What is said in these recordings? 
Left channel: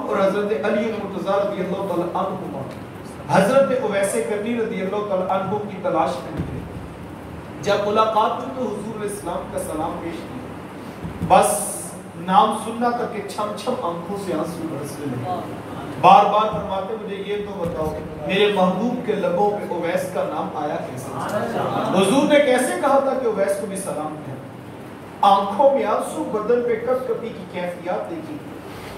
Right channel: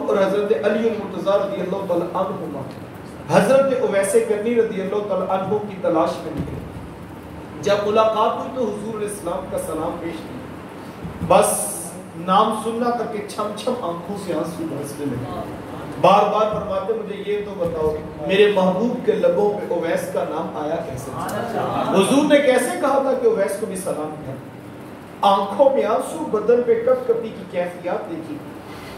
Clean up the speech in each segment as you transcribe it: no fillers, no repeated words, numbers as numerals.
اور حضرت علی مرتضیٰ رضی اللہ تعالیٰ عنہ حضرت اویس کرنی رضی اللہ تعالیٰ عنہ کی تلاش میں نکلے. جب ملاقات ہوئی تو حضور علیہ السلام کا سلام پیش کیا. بس نام سننا تک کہ چھم چھم آنکھوں سے آنسو برسنے لگے. بار بار فرماتے مجھے یہ تو بتاؤ میرے محبوب کے لبوں پہ اویس کا نام آیا کیسے؟ حضور نے کیسے کہا تھا کہ اویس کو بھی سلام کیا؟ آنکھوں میں آنسو، بدن پہ کپ کپی کی کیفیات دیکھی.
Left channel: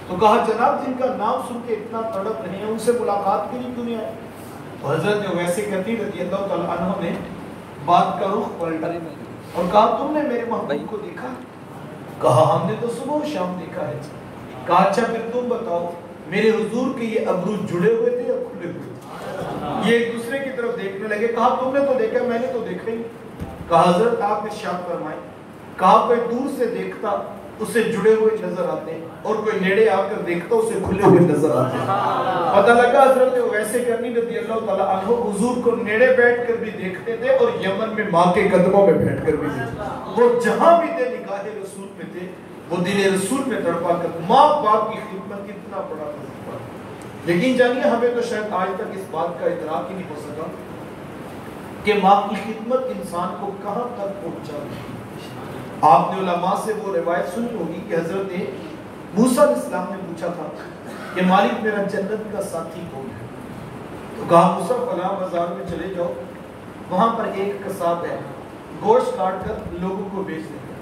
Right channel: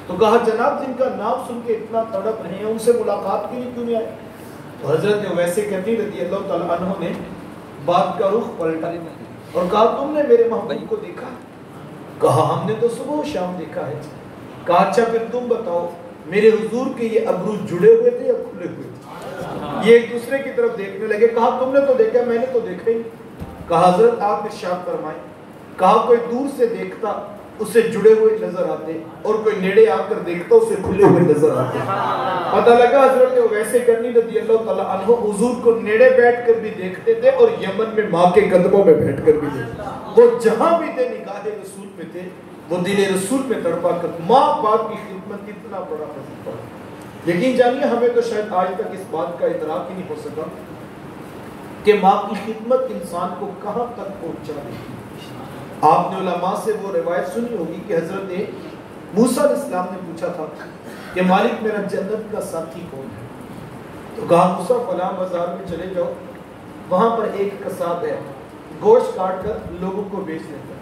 تو کہا جناب جن کا نام سن کے اتنا تڑپ رہے ہیں ان سے ملاقات کیوں نہیں آئے؟ حضرت اویس کرنی رضی اللہ تعالیٰ عنہ نے بات کا رخ پلٹا اور کہا تم نے میرے محبوب کو دیکھا؟ کہا ہم نے تو صبح و شام دیکھا ہے. کہا اچھا پھر تم بتاؤ میرے حضور کے یہ ابرو جڑے ہوئے تھے یا کھلے ہوئے تھے؟ یہ ایک دوسرے کی طرف دیکھنے لگے. کہا تم نے تو دیکھا، میں نے تو دیکھا ہی. کہا حضرت آپ ارشاد فرمائیں. کہا کوئی دور سے دیکھتا اسے جڑے ہوئے نظر آتے اور کوئی نیڑے آ کر دیکھتا اسے کھلے ہوئے نظر آتے. پتہ لگا حضرت اویس کرنی رضی اللہ تعالیٰ عنہ حضور کو نیڑے بیٹھ کر بھی دیکھتے تھے اور یمن میں ماں کے قدموں میں بیٹھ کر بھی دیکھتے. وہ جہاں بھی تھے نگاہ رسول پہ تھے، وہ دل رسول میں تڑپا کر. ماں باپ کی خدمت اتنا بڑا وظیفہ. لیکن جانیے ہمیں تو شاید آج تک اس بات کا ادراک ہی نہیں ہو سکا کہ ماں کی خدمت انسان کو کہاں تک پہنچا رہی ہے. آپ نے علماء سے وہ روایت سنی ہوگی کہ حضرت موسیٰ علیہ السلام نے پوچھا تھا کہ مالک میرا جنت کا ساتھی کون ہے؟ تو کہا موسیٰ فلاں بازار میں چلے جاؤ، وہاں پر ایک قصاب ہے، گوشت کاٹ کر لوگوں کو بیچ دیتا،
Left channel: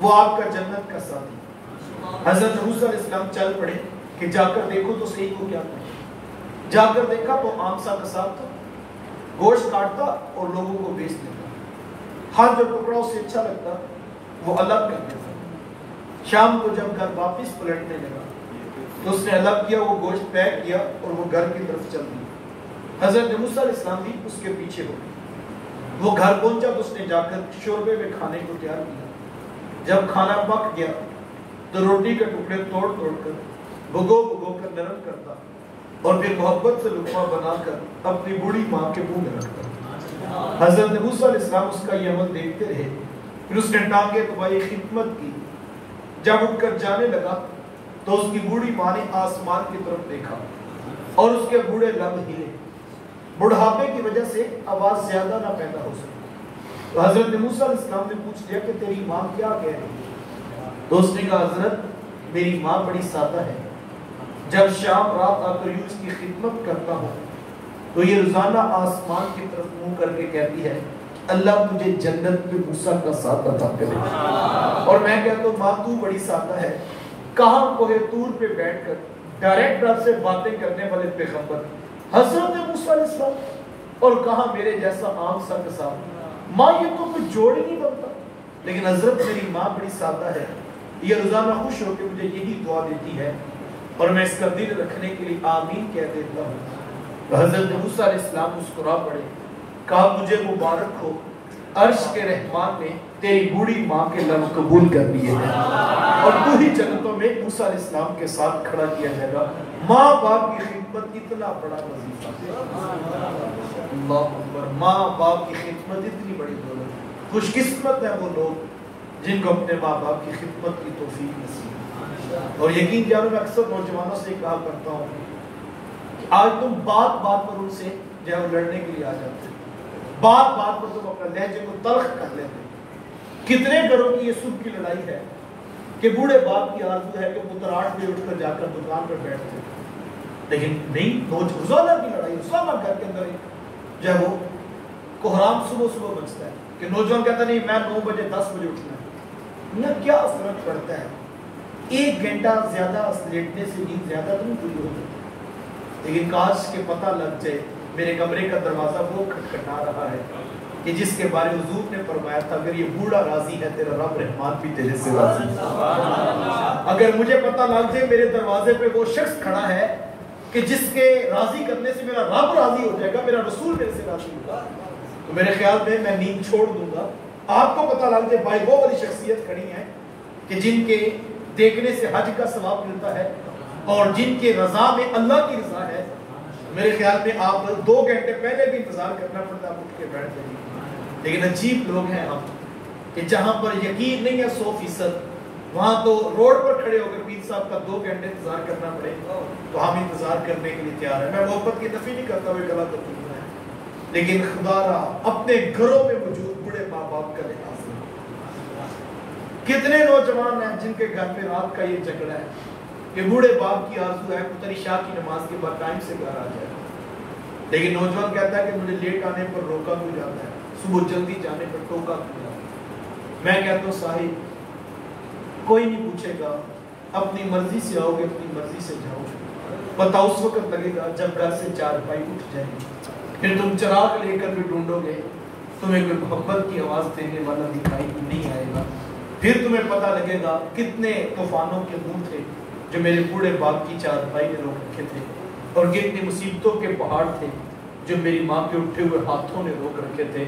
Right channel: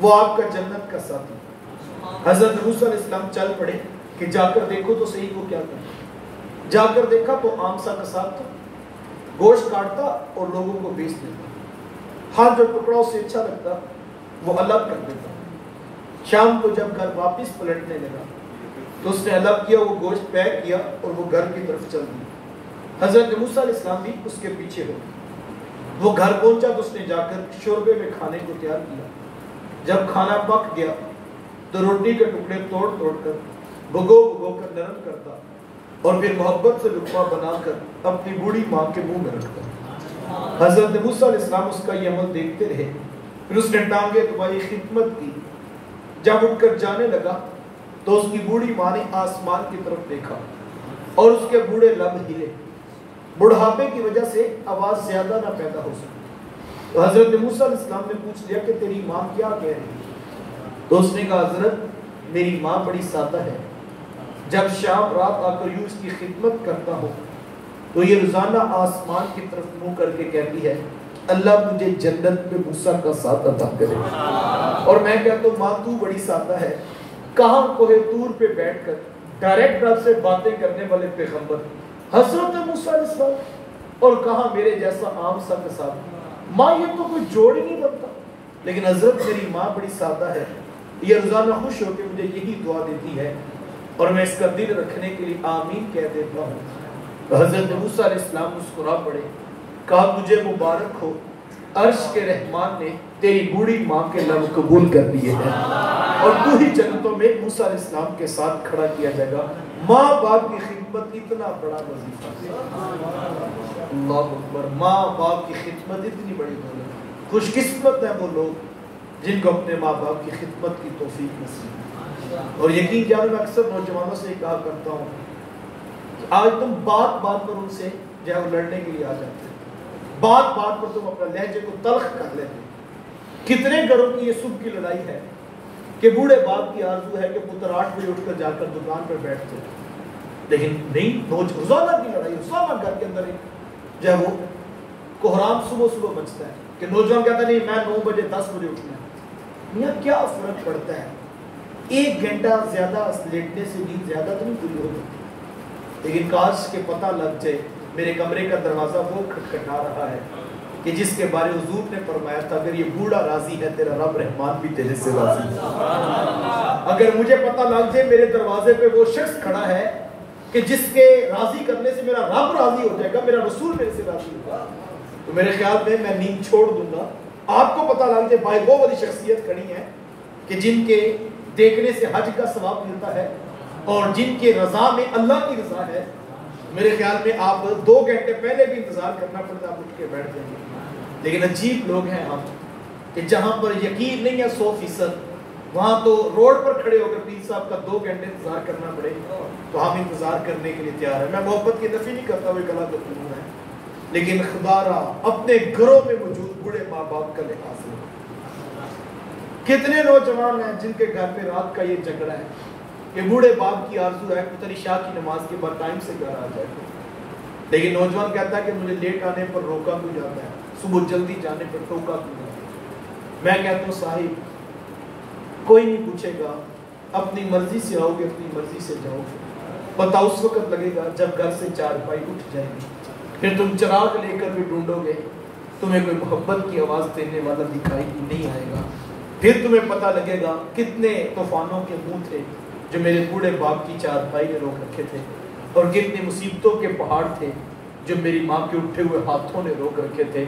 وہ آپ کا جنت کا ساتھی. حضرت موسیٰ علیہ السلام چل پڑے کہ جا کر دیکھو تو صحیح کو کیا کرے. جا کر دیکھا تو عام سا قصاب تھا، گوشت کاٹتا اور لوگوں کو بیچ دیتا. ہاں جو ٹکڑا اسے اچھا لگتا وہ الگ کر دیتا. شام کو جب گھر واپس پلٹنے لگا تو اس نے الگ کیا، وہ گوشت پیک کیا اور وہ گھر کی طرف چل دی. حضرت موسیٰ علیہ السلام بھی اس کے پیچھے ہو گئے. وہ گھر پہنچا تو اس نے جا کر شوربے میں کھانے کو تیار کیا. جب کھانا پک گیا تو روٹی کے ٹکڑے توڑ توڑ کر بھگو بھگو کر نرم کرتا اور پھر محبت سے لقمہ بنا کر اپنی بوڑھی ماں کے منہ میں رکھتا. حضرت موسیٰ علیہ السلام اس کا یہ عمل دیکھتے رہے. پھر اس نے ٹانگے دبائی، خدمت کی. جب اٹھ کر جانے لگا تو اس کی بوڑھی ماں نے آسمان کی طرف دیکھا اور اس کے بوڑھے لب ہلے. بڑھاپے کی وجہ سے آواز زیادہ نہ پیدا ہو سکی. تو حضرت موسیٰ علیہ السلام نے پوچھ لیا کہ تیری ماں کیا کہہ رہی؟ تو اس نے کہا حضرت میری ماں بڑی سادہ ہے. جب شام رات آ کر یوں اس کی خدمت کرتا ہوں تو یہ روزانہ آسمان کی طرف منہ کر کے کہتی ہے اللہ مجھے جنت میں موسیٰ کا ساتھ عطا کرے. اور میں کہتا ہوں ماں تو بڑی سادہ ہے. کہاں کوہ طور پہ بیٹھ کر ڈائریکٹ رب سے باتیں کرنے والے پیغمبر حضرت موسیٰ علیہ السلام اور کہاں میرے جیسا عام سا قصاب. ماں یہ تو کوئی جوڑ ہی نہیں بنتا. لیکن حضرت میری ماں بڑی سادہ ہے، یہ روزانہ خوش ہو کے مجھے یہی دعا دیتی ہے اور میں اس کا دل رکھنے کے لیے آمین کہہ دیتا ہوں. حضرت موسیٰ علیہ السلام مسکرا پڑے. کہا تجھے مبارک ہو، عرش کے رحمان نے تیری بوڑھی ماں کے لب قبول کر دیے ہیں اور تو ہی جنتوں میں موسیٰ علیہ السلام کے ساتھ کھڑا کیا جائے گا. ماں باپ کی خدمت اتنا بڑا وظیفہ. اللہ اکبر. ماں باپ کی خدمت اتنی بڑی دولت. خوش قسمت ہیں وہ لوگ جن کو اپنے ماں باپ کی خدمت کی توفیق نصیب. اور یقین جانو میں اکثر نوجوانوں سے کہا کرتا ہوں آج تم بات بات پر ان سے جو ہے وہ لڑنے کے لیے آ جاتے ہیں. بات بات پر تم اپنا لہجے کو تلخ کر لیتے. کتنے گھروں کی یہ صبح کی لڑائی ہے کہ بوڑھے باپ کی آرزو ہے کہ پتر 8 بجے اٹھ کر جا کر دکان پہ بیٹھتے، لیکن نہیں، روزانہ کی لڑائی. روزانہ گھر کے اندر ایک جو ہے وہ کوہرام صبح صبح مچتا ہے کہ نوجوان کہتا نہیں میں 9 بجے 10 بجے اٹھنا ہے. یہ کیا فرق پڑتا ہے؟ 1 گھنٹہ زیادہ لیٹنے سے بھی زیادہ تو نہیں پوری ہو سکتی. لیکن کاش کے پتہ لگ جائے میرے کمرے کا دروازہ وہ کھٹکھٹا رہا ہے کہ جس کے بارے حضور نے فرمایا تھا اگر یہ بوڑھا راضی ہے تیرا رب رحمان بھی تیرے سے راضی ہے. اگر مجھے پتہ لگ جائے میرے دروازے پہ وہ شخص کھڑا ہے کہ جس کے راضی کرنے سے میرا رب راضی ہو جائے گا، میرا رسول میرے سے راضی ہوگا، تو میرے خیال میں نیند چھوڑ دوں گا. آپ کو پتہ لگ جائے بھائی وہ والی شخصیت کھڑی ہیں کہ جن کے دیکھنے سے حج کا ثواب ملتا ہے اور جن کے رضا میں اللہ کی رضا ہے، میرے خیال میں آپ 2 گھنٹے پہلے بھی انتظار کرنا پڑتا ہے، آپ اٹھ کے بیٹھ جائیں گے. لیکن عجیب لوگ ہیں ہم کہ جہاں پر یقین نہیں ہے 100%، وہاں تو روڈ پر کھڑے ہو کر پیر صاحب کا 2 گھنٹے انتظار کرنا پڑے تو ہم انتظار کرنے کے لیے تیار ہیں. میں محبت کی نفی نہیں کرتا ہوئے کلا کرتا ہے، لیکن خدا را اپنے گھروں میں موجود بڑے ماں باپ کا لحاظ ہے. کتنے نوجوان ہیں جن کے گھر پہ رات کا یہ جھگڑا ہے کہ بوڑھے باپ کی آرزو ہے پتر عشاء کی نماز کے بعد ٹائم سے گھر آ جائے، لیکن نوجوان کہتا ہے کہ مجھے لیٹ آنے پر روکا کیوں جاتا ہے، صبح جلدی جانے پر ٹوکا کیوں جاتا ہے. میں کہتا ہوں صاحب کوئی نہیں پوچھے گا، اپنی مرضی سے آؤ گے اپنی مرضی سے جاؤ. پتہ اس وقت لگے گا جب گھر سے چارپائی اٹھ جائے گی، پھر تم چراغ لے کر بھی ڈھونڈو گے، تمہیں کوئی محبت کی آواز دینے والا دکھائی نہیں آئے گا. پھر تمہیں پتہ لگے گا کتنے طوفانوں کے منہ تھے جو میرے بوڑھے باپ کی چارپائی نے روک رکھے تھے، اور کتنی مصیبتوں کے پہاڑ تھے جو میری ماں کے اٹھے ہوئے ہاتھوں نے روک رکھے تھے.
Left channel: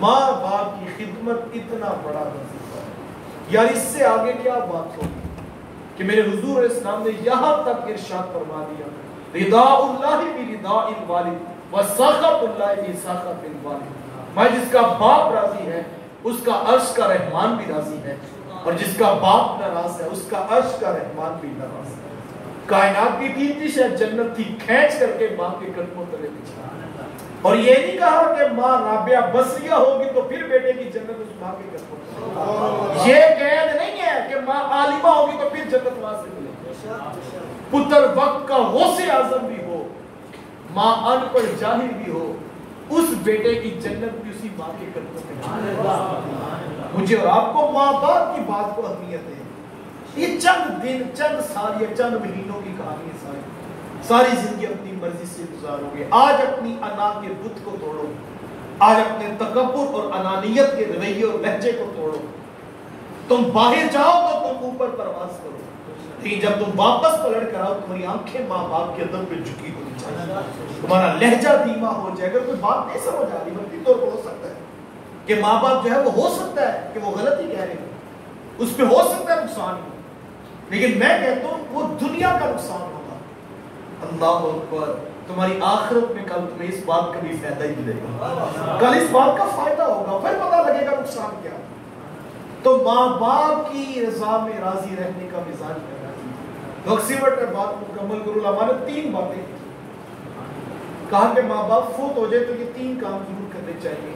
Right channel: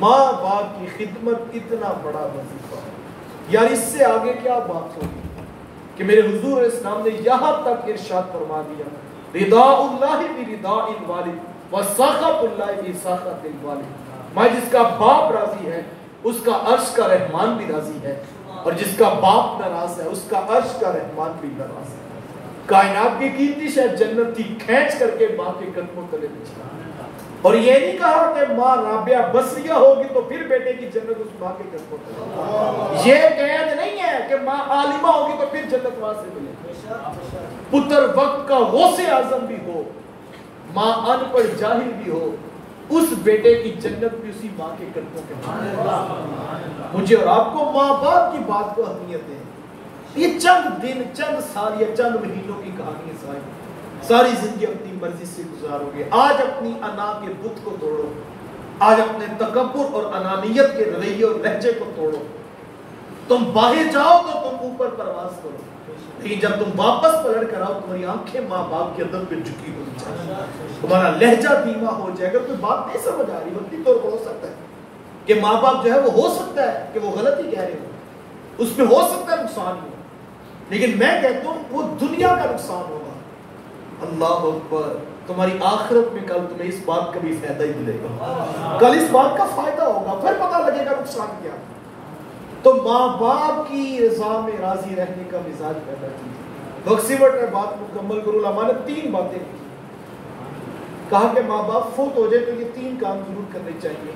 ماں باپ کی خدمت اتنا بڑا وظیفہ ہے یار، اس سے آگے کیا بات ہوگی کہ میرے حضور اسلام نے یہاں تک ارشاد فرما دیا رضا اللہ برضا الوالد وسخط اللہ بسخط الوالد. میں جس کا باپ راضی ہے اس کا عرش کا رحمان بھی راضی ہے، اور جس کا باپ ناراض ہے اس کا عرش کا رحمان بھی ناراض ہے. کائنات کی قیمتی شے جنت تھی، کھینچ کر کے ماں کے قدموں تلے بچھا. اور یہ نہیں کہا کہ ماں رابعہ بصریہ ہوگی تو پھر بیٹے کی جنت اس ماں کے قدموں تلے. یہ قید نہیں ہے کہ ماں عالمہ ہوگی تو پھر جنت وہاں سے ملے. پتر وقت کا غوث اعظم بھی ہو، ماں ان پڑھ جاہل بھی ہو، اس بیٹے کی جنت بھی اسی ماں کے قدموں پہ. مجھے اور آپ کو ماں باپ کی بات کو اہمیت ہے. یہ چند دن، چند سال یا چند مہینوں کی کہانی ہے. ساری زندگی اپنی مرضی سے گزارو گے. آج اپنی انا کے بت کو توڑو، آج اپنے تکبر اور انانیت کے رویے اور لہجے کو توڑو. تم باہر جاؤ تو تم اوپر پرواز کرو، لیکن جب تم واپس پلٹ کر آؤ تمہاری آنکھیں ماں باپ کے ادب پہ جھکی ہونی چاہیے، تمہارا لہجہ دھیما ہو جائے. اگر کوئی بات نہیں سمجھ آ رہی وقتی طور پر ہو سکتا ہے کہ ماں باپ جو ہے وہ ہو سکتا ہے کہ وہ غلط ہی کہہ رہے ہو، اس پہ ہو سکتا ہے نقصان ہو، لیکن میں کہتا ہوں وہ دنیا کا نقصان ہوگا. اللہ اکبر. تمہاری آخرت میں کل تمہیں اس بات کا بھی فائدہ ہی ملے گا، کل اس بات کا فائدہ ہوگا، پھر پتہ لگے گا نقصان کیا. تو ماں باپ کی رضا میں راضی رہنے کا مزاج پیدا کیجیے. وقت نے بات مکمل کرو. علماء نے 3 باتیں کی. کہا کہ ماں باپ فوت ہو جائے تو یہ 3 کام ضرور کرنے چاہیے.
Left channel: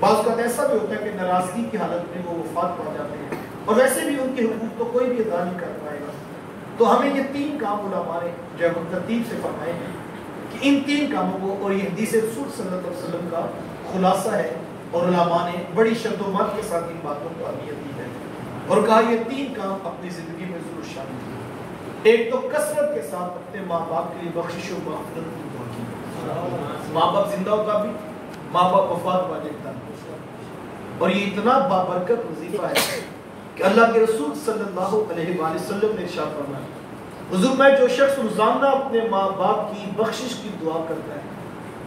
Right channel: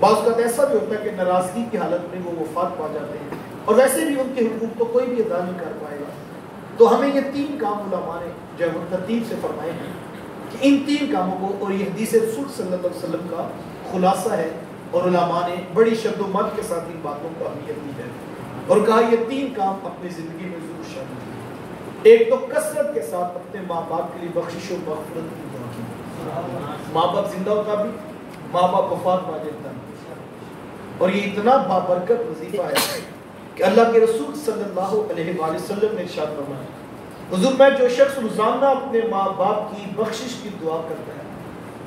بعض کا ایسا بھی ہوتا ہے کہ ناراضگی کی حالت میں وہ وفات پا جاتے ہیں اور ویسے بھی ان کے حقوق تو کوئی بھی ادا نہیں کر پائے گا. تو ہمیں یہ 3 کام علماء نے جو ہے ترتیب سے فرمائے ہیں کہ ان 3 کاموں کو، اور یہ حدیث رسول صلی اللہ علیہ وسلم کا خلاصہ ہے، اور علماء نے بڑی شد و مت کے ساتھ ان باتوں کو اہمیت دی ہے اور کہا یہ 3 کام اپنی زندگی میں ضرور شامل کیجیے. ایک تو کثرت کے ساتھ اپنے ماں باپ کے لیے بخشش و مغفرت کی دعا کیجیے. ماں باپ زندہ ہوتا بھی، ماں باپ وفات پا جاتا بھی. اور یہ اتنا بابرکت وظیفہ ہے کہ اللہ کے رسول صلی اللہ علیہ وآلہ وسلم نے ارشاد فرمایا حضور میں جو شخص روزانہ اپنے ماں باپ کی بخشش کی دعا کرتا ہے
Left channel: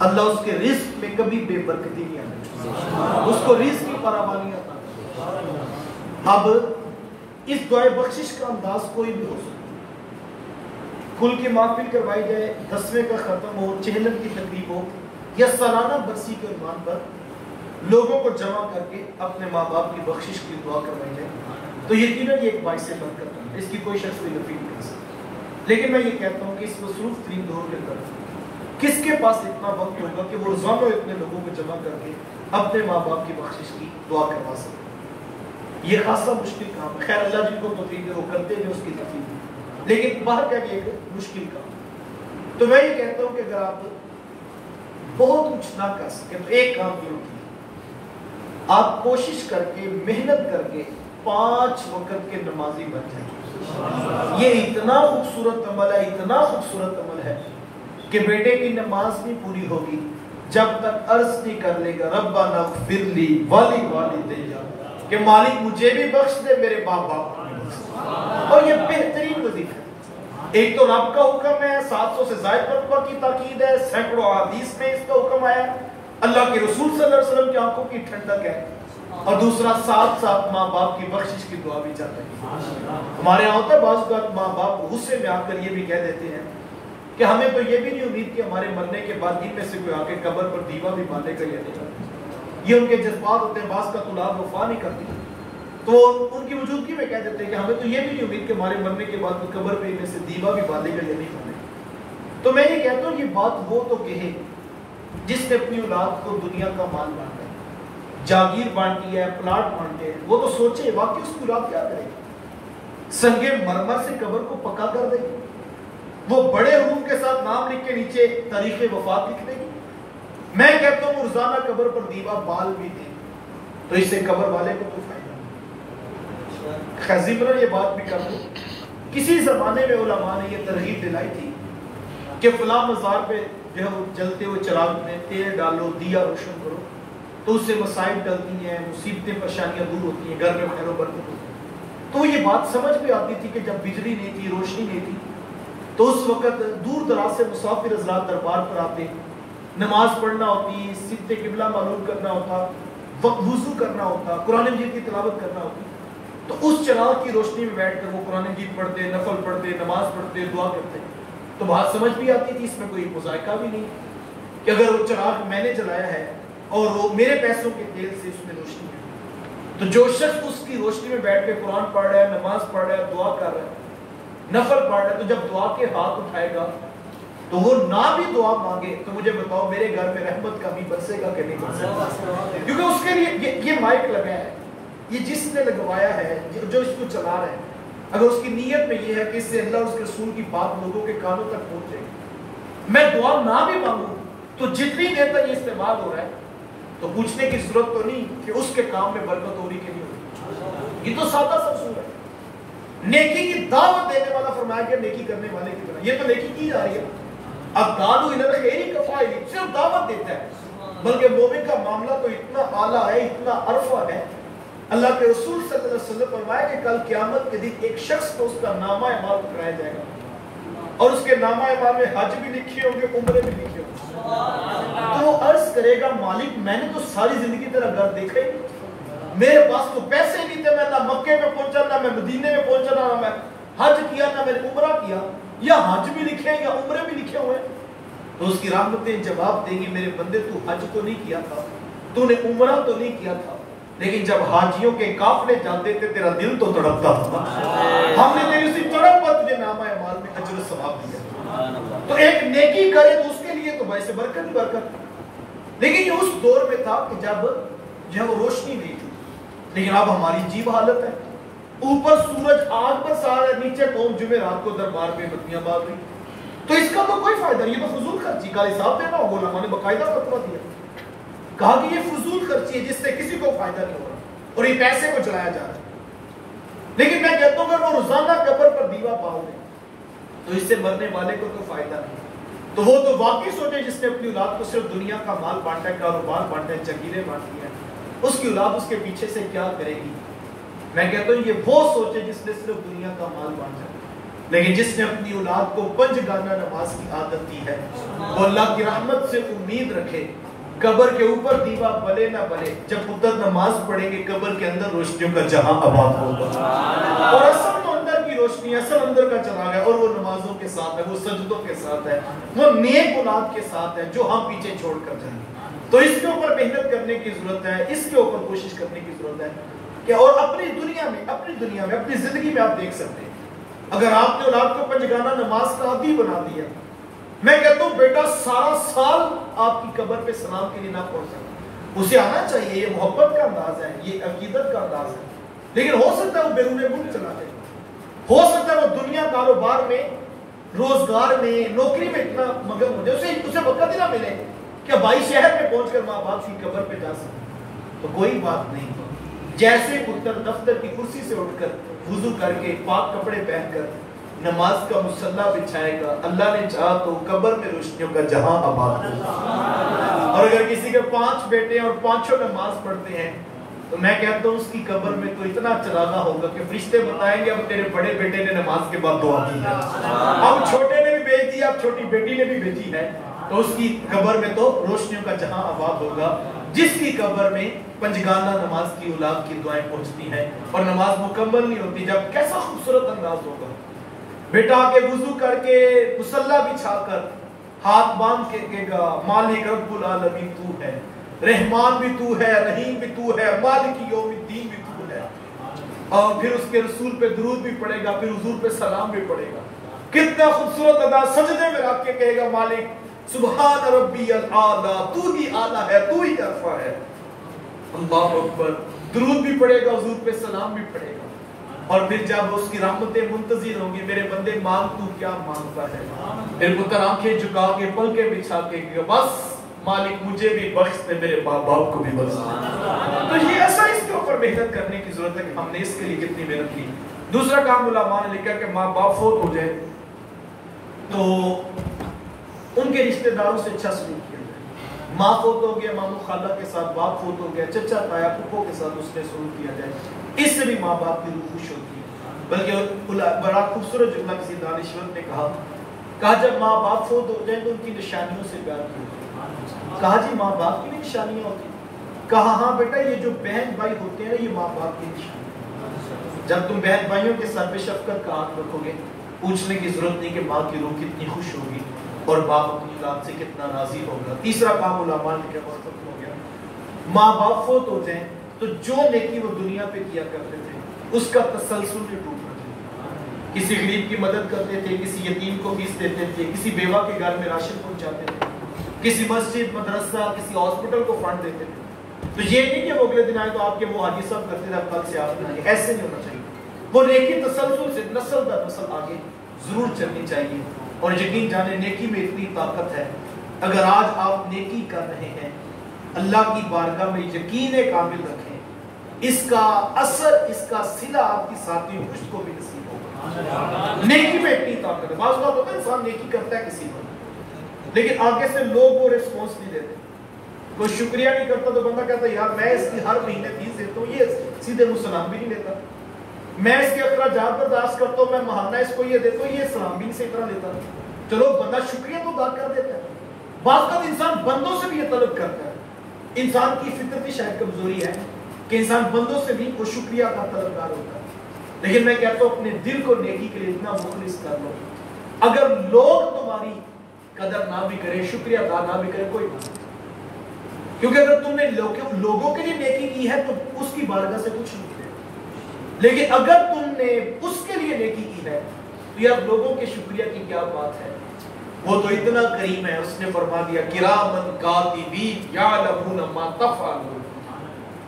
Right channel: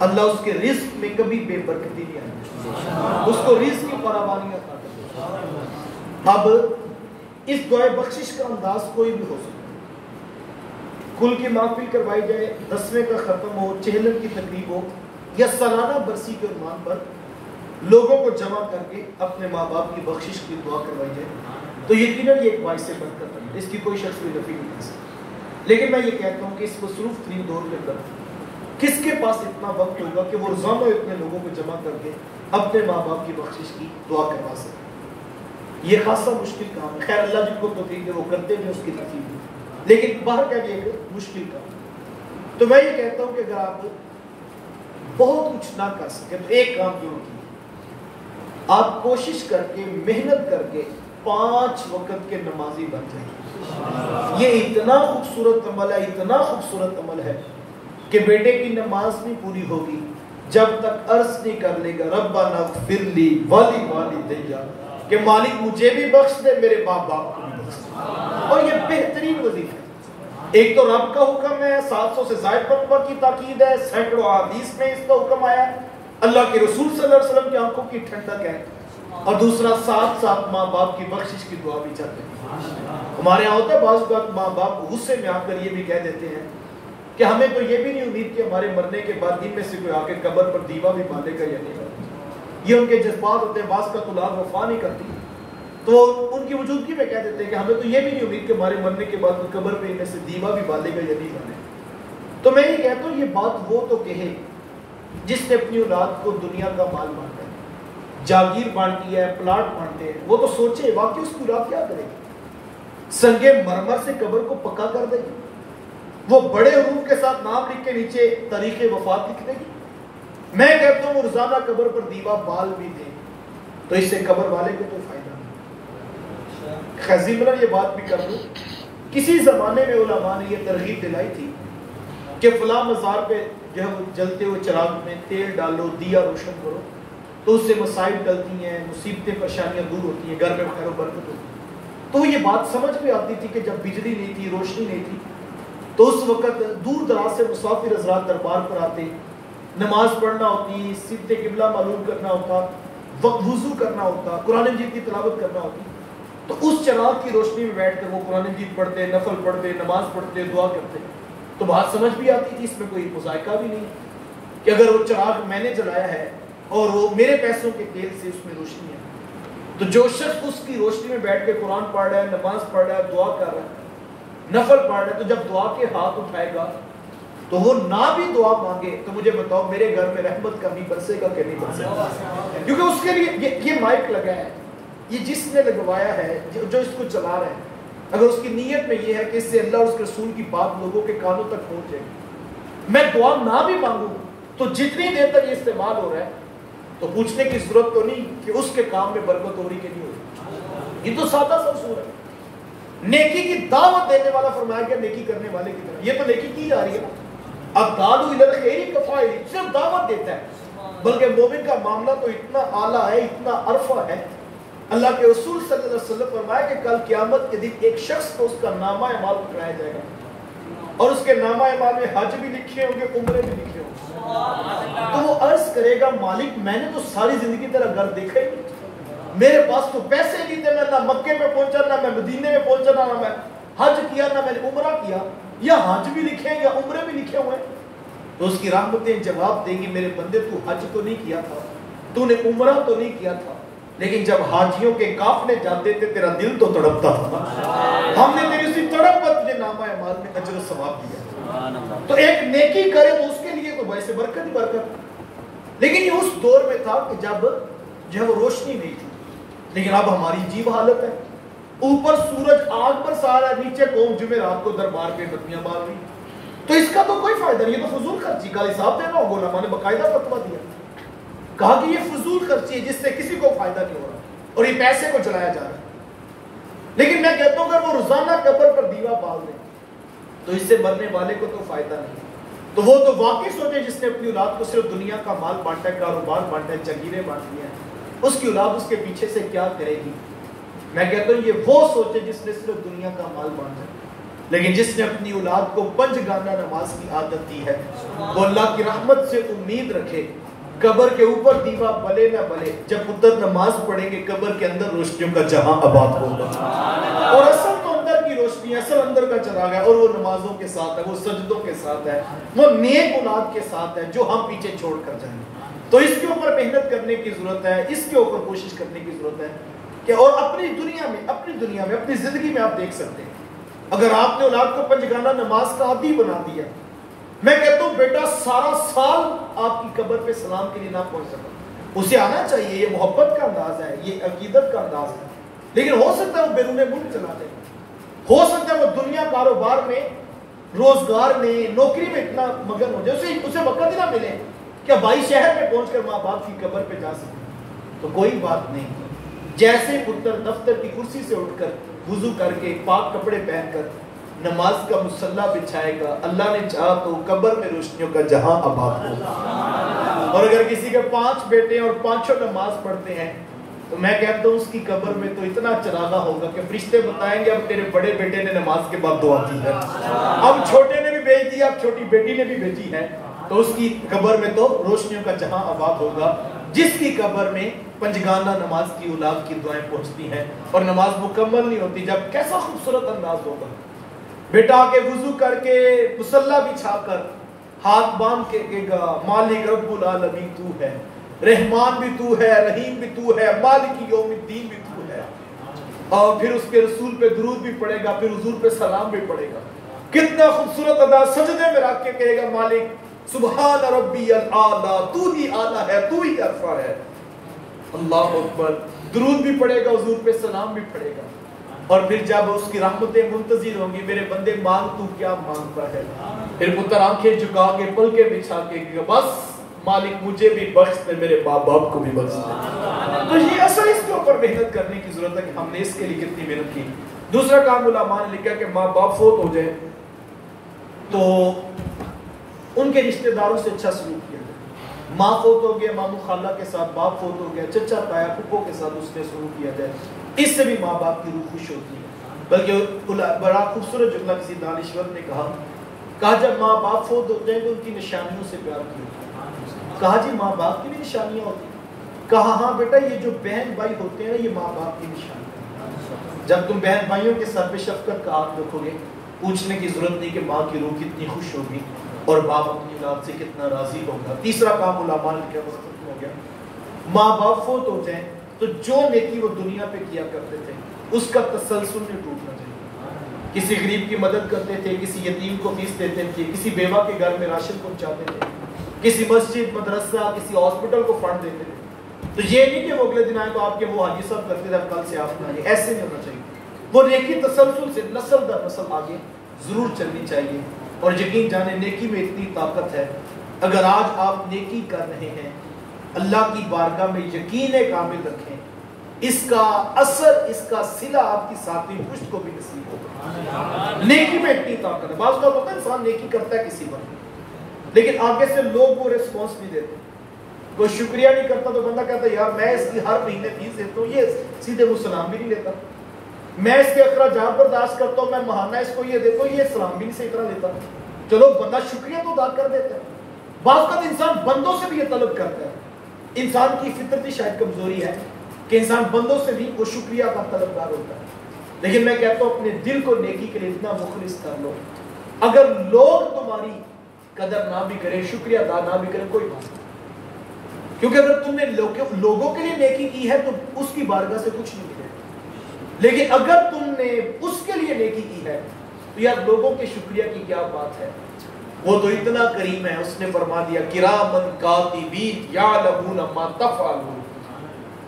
اللہ اس کے رزق میں کبھی بے برکتی نہیں آتی، اس کو رزق کی فراوانی عطا کرتا ہے. اب اس دعائے بخشش کا انداز کوئی بھی ہو سکتا ہے. کل کی محفل کروائی جائے، 10ویں کا ختم ہو، چہلم کی تقریب ہو، یا سالانہ برسی کے عنوان پر لوگوں کو جمع کر کے اپنے ماں باپ کی بخشش کی دعا کروائی جائے تو یقیناً یہ ایک باعث برکت ہے. اس کی کوئی شخص کوئی نفی نہیں کر سکتا. لیکن میں یہ کہتا ہوں کہ اس مصروف ترین دور کے اندر کس کے پاس اتنا وقت ہوگا کہ وہ روزانہ اتنے لوگوں کو جمع کر کے اپنے ماں باپ کی بخشش کی دعا کروا سکے. یہ خاصا مشکل کام ہے. خیر اللہ جن کو توفیق دے وہ کرتے ہیں اس کی تکلیف ہے، لیکن باہر کا بھی ایک مشکل کام. تو میں یہ کہتا ہوں کہ اگر آپ بہت کچھ نہ کر سکے تو ایک کام ضرور کیجیے. آپ کوشش کر کے محنت کر کے 5 وقت کے نمازی بن جائیں. یہ اتنا خوبصورت عمل ہے، اتنا خوبصورت عمل ہے کہ بیٹے کی نماز نہیں پوری ہوگی جب تک عرض نہیں کر لے گا ربنا اغفر لی ولی والدیا، کہ مالک مجھے بھی بخش دے میرے باپ باپ کو بھی بخش دے. اور یہ بہترین وظیفہ ہے. ایک تو رب کا حکم ہے، 700 سے زائد مرتبہ کی تاکید ہے، سینکڑوں احادیث میں اس کا حکم آیا ہے، اللہ کے رسول صلی اللہ علیہ وسلم کی آنکھوں کی ٹھنڈک ہے، اور دوسرا ساتھ ساتھ ماں باپ کی بخشش کی دعا بھی چاہتے ہیں. ہمارے یہاں ہوتا ہے بعض اوقات ماں باپ غصے میں آ کر یہ بھی کہہ دیتے ہیں کہ ہمیں تو یہ بھی نہیں امید کہ ہمارے مرنے کے بعد ان میں سے کوئی آ کے قبر پر دیوا بھی باندھے گا یا نہیں. یہ ان کے جذبات ہوتے ہیں. بعض کا طلاب وفا نہیں کرتی تو ان کی وجودگی میں کہہ دیتے ہیں کہ ہمیں تو یہ بھی نہیں امید کہ ہمارے مرنے کے بعد قبر پہ میں سے دیوا بھی بالے گا یا نہیں بالے. تو میں یہ کہتا ہوں یہ بات وہ تو کہے جس نے اپنی اولاد کو دنیا کا مال بانٹا ہے, جاگیر بانٹی ہے, پلاٹ بانٹے ہیں. وہ تو سوچے واقعی اس کی اولاد کیا کرے گی. سنگ مرمر سے قبر کو پکا کر دے گی, وہ بڑے حروف کے ساتھ نام لکھ کے نیچے تاریخ وفات لکھ دے گی. میں کہتا ہوں روزانہ قبر پر دیوا بال بھی دے تو اس سے قبر والے کو تو فائدہ نہیں. خزیمرہ یہ بات بھی کر دوں, کسی زمانے میں علماء نے یہ ترغیب دلائی تھی کہ فلاں مزار پہ جو ہے وہ جلتے ہوئے چراغ میں تیل ڈالو, دیا روشن کرو, تو اس سے مسائب ٹلتی ہیں, مصیبتیں پریشانیاں دور ہوتی ہیں, گھر میں خیر و برکت ہوتی ہے. تو یہ بات سمجھ میں آتی تھی کہ جب بجلی نہیں تھی, روشنی نہیں تھی, تو اس وقت دور دراز سے مسافر حضرات دربار پر آتے, نماز پڑھنا ہوتی, سمت قبلہ معلوم کرنا ہوتا, وضو کرنا ہوتا, قرآن مجید کی تلاوت کرنا ہوتی. تو اس چراغ کی روشنی میں بیٹھ کر وہ قرآن مجید پڑھتے, نفل پڑھتے, نماز پڑھتے, دعا کرتے. تو بات سمجھ بھی آتی تھی, اس میں کوئی مذائقہ بھی نہیں کہ اگر وہ چراغ میں نے جلایا ہے اور وہ میرے پیسوں کے تیل سے اس میں روشنی ہے, تو جو شخص اس کی روشنی میں بیٹھ کے قرآن پڑھ رہا ہے, نماز پڑھ رہا ہے, دعا کر رہا ہے, نفل پڑھ رہا ہے, تو جب دعا کے ہاتھ اٹھائے گا تو وہ نہ بھی دعا مانگے تو مجھے بتاؤ میرے گھر میں رحمت کا بھی برسے گا کہ نہیں برسے گا. کیونکہ اس کے لیے یہ مائک لگا ہے, یہ جس نے لگوایا ہے, جو اس کو چلا رہا ہے, اگر اس کی نیت میں یہ ہے کہ اس سے اللہ اور اس کے رسول کی بات لوگوں کے کانوں تک پہنچ جائے گی, میں دعا نہ بھی مانگوں تو جتنی دیر تک یہ استعمال ہو رہا ہے تو پوچھنے کی ضرورت تو نہیں کہ اس کے کام میں برکت ہو رہی کہ نہیں ہو رہی. یہ تو سادہ سا اصول ہے. نیکی کی دعوت دینے والا فرمایا گیا نیکی کرنے والے کی طرح, یہ تو نیکی کی جا رہی ہے. اب دادو ادھر خیری کفائلی صرف دعوت دیتا ہے, بلکہ مومن کا معاملہ تو اتنا اعلیٰ ہے, اتنا عرفہ ہے. اللہ کے رسول صلی اللہ علیہ وسلم فرمایا کہ کل قیامت کے دن ایک شخص کو اس کا نامہ اعمال اٹھایا جائے گا اور اس کے نامہ اعمال میں حج بھی لکھے ہوں گے, عمرے بھی لکھے ہوں گے. تو وہ عرض کرے گا مالک میں نے تو ساری زندگی تیرا گھر دیکھا ہی, میرے پاس تو پیسے نہیں تھے, میں نہ مکے میں پہنچا, نہ میں مدینے میں پہنچا, نہ میں حج کیا, نہ میں نے عمرہ کیا. یا حج بھی لکھے ہیں یا عمرے بھی لکھے ہوئے. تو اس کی رحمتیں جواب دیں گی میرے بندے تو حج تو نہیں کیا تھا, تو نے عمرہ تو نہیں کیا تھا, لیکن جب حاجیوں کے قافلے جاتے تھے تیرا دل تو تڑپتا تھا. ہم نے تیری اسی تڑپ پر تجھے نامہ اعمال میں اجر و ثواب دیا. تو ایک نیکی کرے تو اس کے لیے تو باعث برکت ہی برکت. لیکن یہ اس دور میں تھا کہ جب جو وہ روشنی نہیں تھی, لیکن اب ہماری عجیب حالت ہے. اوپر سورج آگ برسا رہا ہے, نیچے قوم جمعرات کو دربار پہ بتیاں بال رہی. تو اس کا تو کوئی فائدہ نہیں, یہ تو فضول خرچی کا حساب دینا ہوگا. علماء نے باقاعدہ فتویٰ دیا, کہا کہ یہ فضول خرچی ہے جس سے کسی کو فائدہ نہیں ہو رہا اور یہ پیسے کو چلایا جا رہا ہے. لیکن میں کہتا ہوں اگر وہ روزانہ قبر پر دیوا بال دیں تو اس سے مرنے والے کو تو فائدہ نہیں. تو وہ تو واقعی سوچے جس نے اپنی اولاد کو صرف دنیا کا مال بانٹا ہے, کاروبار بانٹا ہے, جگیریں بانٹی ہیں, اس کی اولاد اس کے پیچھے سے کیا کرے گی. میں کہتا ہوں یہ وہ سوچے جس نے صرف دنیا کا مال بانٹا ہے, لیکن جس نے اپنی اولاد کو پنج گانا نماز کی عادت دی ہے, وہ اللہ کی رحمت سے امید رکھے. قبر کے اوپر دیوا بلے نہ بلے, جب پتر نماز پڑھیں گے قبر کے اندر روشنیوں کا جہاں آباد ہوگا. اور اصل تو اندر کی روشنی, اصل اندر کا چراغ ہے, اور وہ نمازوں کے ساتھ ہے, وہ سجدوں کے ساتھ ہے, وہ نیک اولاد کے ساتھ ہے جو ہم پیچھے چھوڑ کر جائیں گے. تو اس کے اوپر محنت کرنے کی ضرورت ہے, اس کے اوپر کوشش کرنے کی ضرورت ہے کہ اور اپنی دنیا میں اپنی زندگی میں آپ دیکھ سکتے ہیں اگر آپ نے اولاد کو پنجگانہ نماز کا عادی بنا دیا, میں کہتا ہوں بیٹا سارا سال آپ کی قبر پہ سلام کے لیے نہ پہنچ سکتا. اسے آنا چاہیے, یہ محبت کا انداز ہے, یہ عقیدت کا انداز ہے, لیکن ہو سکتا ہے وہ بیرون ملک چلا جائے, ہو سکتا ہے وہ دنیا کاروبار میں, روزگار میں, نوکری میں اتنا مگن ہو جائے اسے وقت ہی نہ ملے کہ بھائی شہر میں پہنچ کر ماں باپ کی قبر پہ جا سکے. تو کوئی بات نہیں, جیسے پتر دفتر کی کرسی سے اٹھ کر وضو کر کے پاک کپڑے پہن کر نماز کا مصلی بچھائے گا, اللہ نے چاہا تو قبر میں روشنیوں کا جہاں آباد ہوگا. اور اگر کسی کے 5 بیٹے اور 5 نماز پڑھتے ہیں تو میں کہتا ہوں اس کی قبر میں تو اتنا چراغا ہوگا کہ فرشتے بتائیں گے اب تیرے بڑے بیٹے نے نماز کے بعد دعا کی ہے, اب چھوٹے نے بھی بھیج دیا, اب چھوٹی بیٹی نے بھی بھیجی ہے. تو اس کی قبر میں تو روشنیوں کا جہاں آباد ہوگا جس کی قبر میں پنجگانہ نماز کی اولاد کی دعائیں پہنچتی ہیں اور نماز مکمل نہیں ہوتی. جب کیسا خوبصورت انداز ہوگا, بیٹا آگے وضو کر کے مصلی بچھا کر ہاتھ باندھ کے کہے گا مالک رب العالمین تو ہے, رحمان بھی تو ہے, رحیم بھی تو ہے, مالک یوم الدین بھی تو ہے. اور پھر اس کے رسول پہ درود بھی پڑھے گا, پھر حضور پہ سلام بھی پڑھے گا. کتنا خوبصورت ادا, سجدے میں رکھ کے کہے گا مالک سبحان ربی الاعلی, تو ہی اعلیٰ ہے, تو ہی ارفع ہے. اللہ اکبر. درود بھی پڑھے گا, حضور پہ سلام بھی پڑھے گا. اور پھر جب اس کی رحمتیں منتظر ہوں گی, میرے بندے مانگ تو کیا مانگتا ہے, پھر پتر آنکھیں جھکا کے پلکیں بچھا کے بس مالک مجھے بھی بخش دے, میرے باپ کو بھی بخش دے. تو یہ ایسا اس کے اوپر محنت کرنے کی ضرورت ہے کہ ہم نے اس کے لیے کتنی محنت کی. دوسرا کام علماء نے لکھا کہ ماں باپ فوت ہو جائے تو ان کے رشتہ داروں سے اچھا سلوک کیا جائے. ماں فوت ہو گیا, ماموں خالہ کے ساتھ, باپ فوت ہو گیا, چچا تایا پھپھو کے ساتھ اس نے سلوک کیا جائے. اس سے بھی ماں باپ کی روح خوش ہوتی ہے. بلکہ بڑا خوبصورت جملہ کسی دانشور نے کہا جب ماں باپ فوت ہو جائیں تو ان کی نشانیوں سے پیار کیوں. کہا جی ماں باپ کی بھی نشانیاں ہوتی ہیں. کہا ہاں بیٹا, یہ جو بہن بھائی ہوتے ہیں یہ ماں باپ کی نشانی. جب تم بہن بھائیوں کے ساتھ پہ شفقت کا ہاتھ رکھو گے, پوچھنے کی ضرورت نہیں کہ ماں کی روح کتنی خوش ہوگی اور باپ اپنی اولاد سے کتنا راضی ہوگا. تیسرا کام علماء نے کیا وقت ہو گیا, ماں باپ فوت ہو جائیں تو جو نیکی وہ دنیا پہ کیا کرتے تھے اس کا تسلسل نہیں ٹوٹنا چاہیے. کسی غریب کی مدد کرتے تھے, کسی یتیم کو فیس دیتے تھے, کسی بیوہ کے گھر میں راشن پہنچاتے تھے, کسی مسجد مدرسہ کسی ہاسپٹل کو فنڈ دیتے تھے. تو یہ نہیں کہ وہ اگلے دن آئے تو آپ کے وہ حاجی صاحب کرتے تھے, کل سے آپ بنائیے, ایسے نہیں ہونا چاہیے. وہ نیکی تسلسل سے نسل در نسل آگے ضرور چلنی چاہیے. اور یقین جانے نیکی میں اتنی طاقت ہے, اگر آج آپ نیکی کر رہے ہیں اللہ کی بارگاہ میں یقین کامل رکھیں, اس کا اثر, اس کا صلہ آپ کی ساتھی پشت کو بھی نصیب ہوگا. نیکی میں اتنی طاقت ہے. بعض بات ہوتا ہے انسان نیکی کرتا ہے کسی پر لیکن آگے سے لوگ وہ ریسپانس نہیں دیتے, کوئی شکریہ نہیں کرتا تو بندہ کہتا ہے یار میں اس کی ہر مہینے فیس دیتا ہوں, یہ سیدھے مجھ سلام بھی نہیں لیتا. میں اس کے اخراجات برداشت کرتا ہوں, میں ماہانہ اس کو یہ دیتا ہوں, یہ سلام بھی نہیں سے اتنا لیتا. چلو بندہ شکریہ تو ادا کر دیتا ہے. بعض بات انسان بندوں سے بھی یہ طلب کرتا ہے. انسان کی فطرتی شاید کمزوری ہے کہ انسان بندوں سے بھی وہ شکریہ کا طلبگار ہوتا ہے. لیکن میں کہتا ہوں اپنے دل کو نیکی کے لیے اتنا مخلص کر لو, اگر لوگ تمہاری قدر نہ بھی کریں, شکریہ ادا نہ بھی کریں, کوئی بات نہیں. کیونکہ اگر تم نے لوگوں کے لیے نیکی کی ہے تو اس کی بارگاہ سے کچھ نہیں ملے. لیکن اگر تم نے اس کے لیے نیکی کی ہے تو یار لوگوں کے شکریہ کی کیا بات ہے. وہ تو اتنا کریم ہے, اس نے فرما دیا کرامن کاتبین یعلمون ما تفعلون.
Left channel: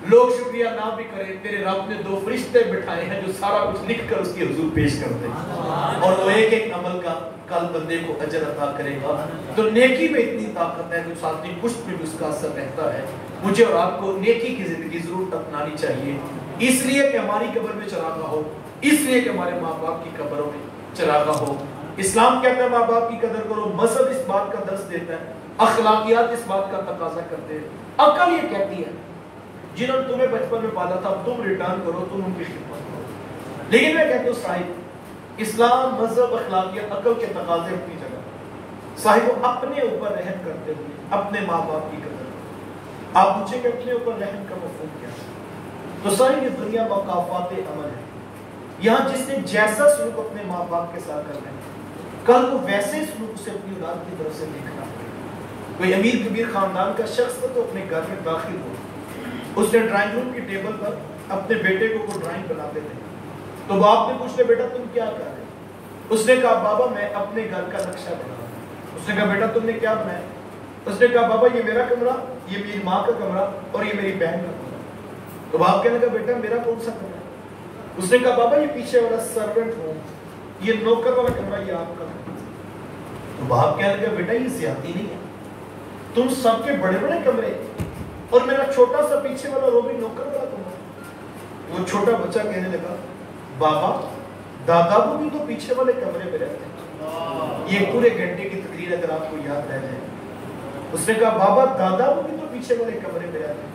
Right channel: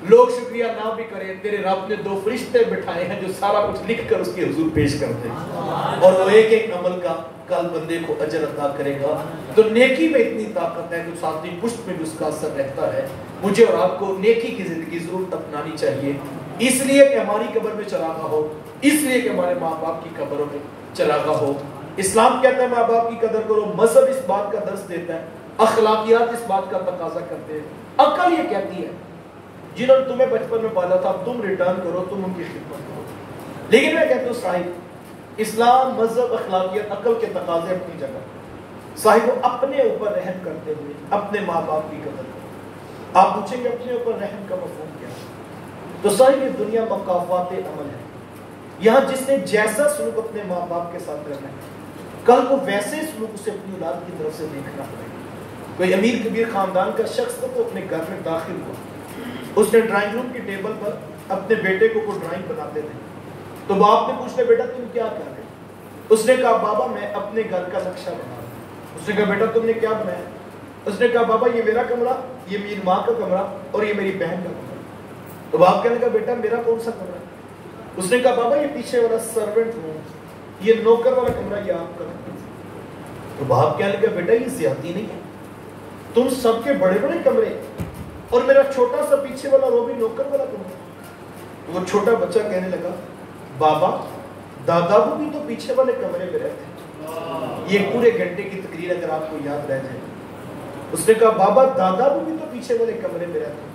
لوگ شکریہ نہ بھی کریں, تیرے رب نے 2 فرشتے بٹھائے ہیں جو سارا کچھ لکھ کر اس کے حضور پیش کرتے ہیں, اور وہ ایک ایک عمل کا کل بندے کو اجر عطا کرے گا. تو نیکی میں اتنی طاقت ہے کہ ساتھی پشت میں بھی اس کا اثر رہتا ہے. مجھے اور آپ کو نیکی کی زندگی ضرور اپنانی چاہیے, اس لیے کہ ہماری قبر میں چراغاں ہو, اس لیے کہ ہمارے ماں باپ کی قبروں میں چراغاں ہو. اسلام کہتا ہے ماں باپ کی قدر کرو, مذہب اس بات کا درس دیتا ہے, اخلاقیات اس بات کا تقاضا کرتے ہیں, عقل یہ کہتی ہے جنہوں نے تمہیں بچپن میں پالا تھا تم ریٹرن کرو, تم ان کی خدمت کرو. لیکن میں کہتا ہوں صاحب اسلام, مذہب, اخلاقیات, عقل کے تقاضے اپنی جگہ, صاحب اپنے اوپر رحم کرتے ہوئے اپنے ماں باپ کی قدر. آپ پوچھیں کہ اپنے اوپر رحم کا مفہوم کیا ہے, تو صاحب یہ دنیا مقافات عمل ہے. یہاں جس نے جیسا سلوک اپنے ماں باپ کے ساتھ کرنا ہے کل وہ ویسے سلوک اسے اپنی اولاد کی طرف سے دیکھنا پڑے گا. کوئی امیر کبیر خاندان کا شخص تو اپنے گھر میں داخل ہوا, اس نے ڈرائنگ روم کی ٹیبل پر اپنے بیٹے کو کوئی ڈرائنگ بناتے تھے. تو باپ نے پوچھا بیٹا تم کیا کر رہے ہو؟ اس نے کہا بابا میں اپنے گھر کا نقشہ بنا رہا ہوں. اس نے کہا بیٹا تم نے کیا بنایا؟ اس نے کہا بابا یہ میرا کمرہ, یہ میری ماں کا کمرہ اور یہ میری بہن کا کمرہ. تو باپ کہنے لگا بیٹا میرا کون سا کمرہ؟ اس نے کہا بابا یہ پیچھے والا سرونٹ روم, یہ نوکر والا کمرہ, یہ آپ کا کمرہ. تو باپ کہنے لگا بیٹا یہ زیادتی نہیں ہے, تم سب کے بڑے بڑے کمرے اور میرا چھوٹا سا پیچھے والا رو بھی نوکر والا کمرہ. وہ چھوٹا بچہ کہنے لگا بابا دادا وہ بھی تو پیچھے والے کمرے میں رہتے ہیں, یہ پورے گھنٹے کی تقریر اگر آپ کو یاد رہ جائے. اس نے کہا بابا دادا وہ بھی تو پیچھے والے کمرے میں رہتے ہیں,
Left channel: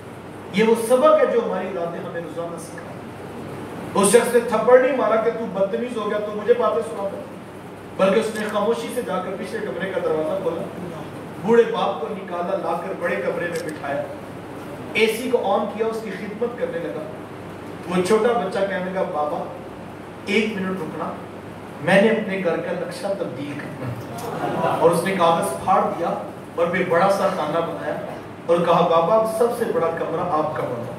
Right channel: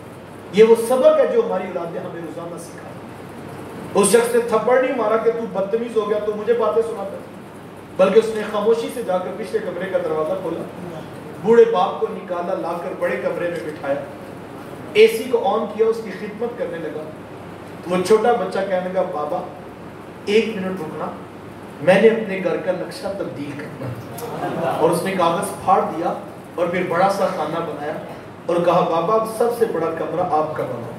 یہ وہ سبق ہے جو ہماری اولادیں ہمیں روزانہ سکھا. اس شخص نے تھپڑ نہیں مارا کہ تو بدتمیز ہو گیا تو مجھے باتیں سناتا, بلکہ اس نے خاموشی سے جا کر پچھلے کمرے کا دروازہ کھولا, بوڑھے باپ کو نکالا, لا کر بڑے کمرے میں بٹھایا, اے سی کو آن کیا, اس کی خدمت کرنے لگا. وہ چھوٹا بچہ کہنے لگا بابا 1 منٹ رکنا, میں نے اپنے گھر کا نقشہ تبدیل کرنا. اور اس نے کاغذ پھاڑ دیا اور پھر بڑا سا خانہ بنایا اور کہا بابا سب سے بڑا کمرہ آپ کا بنا.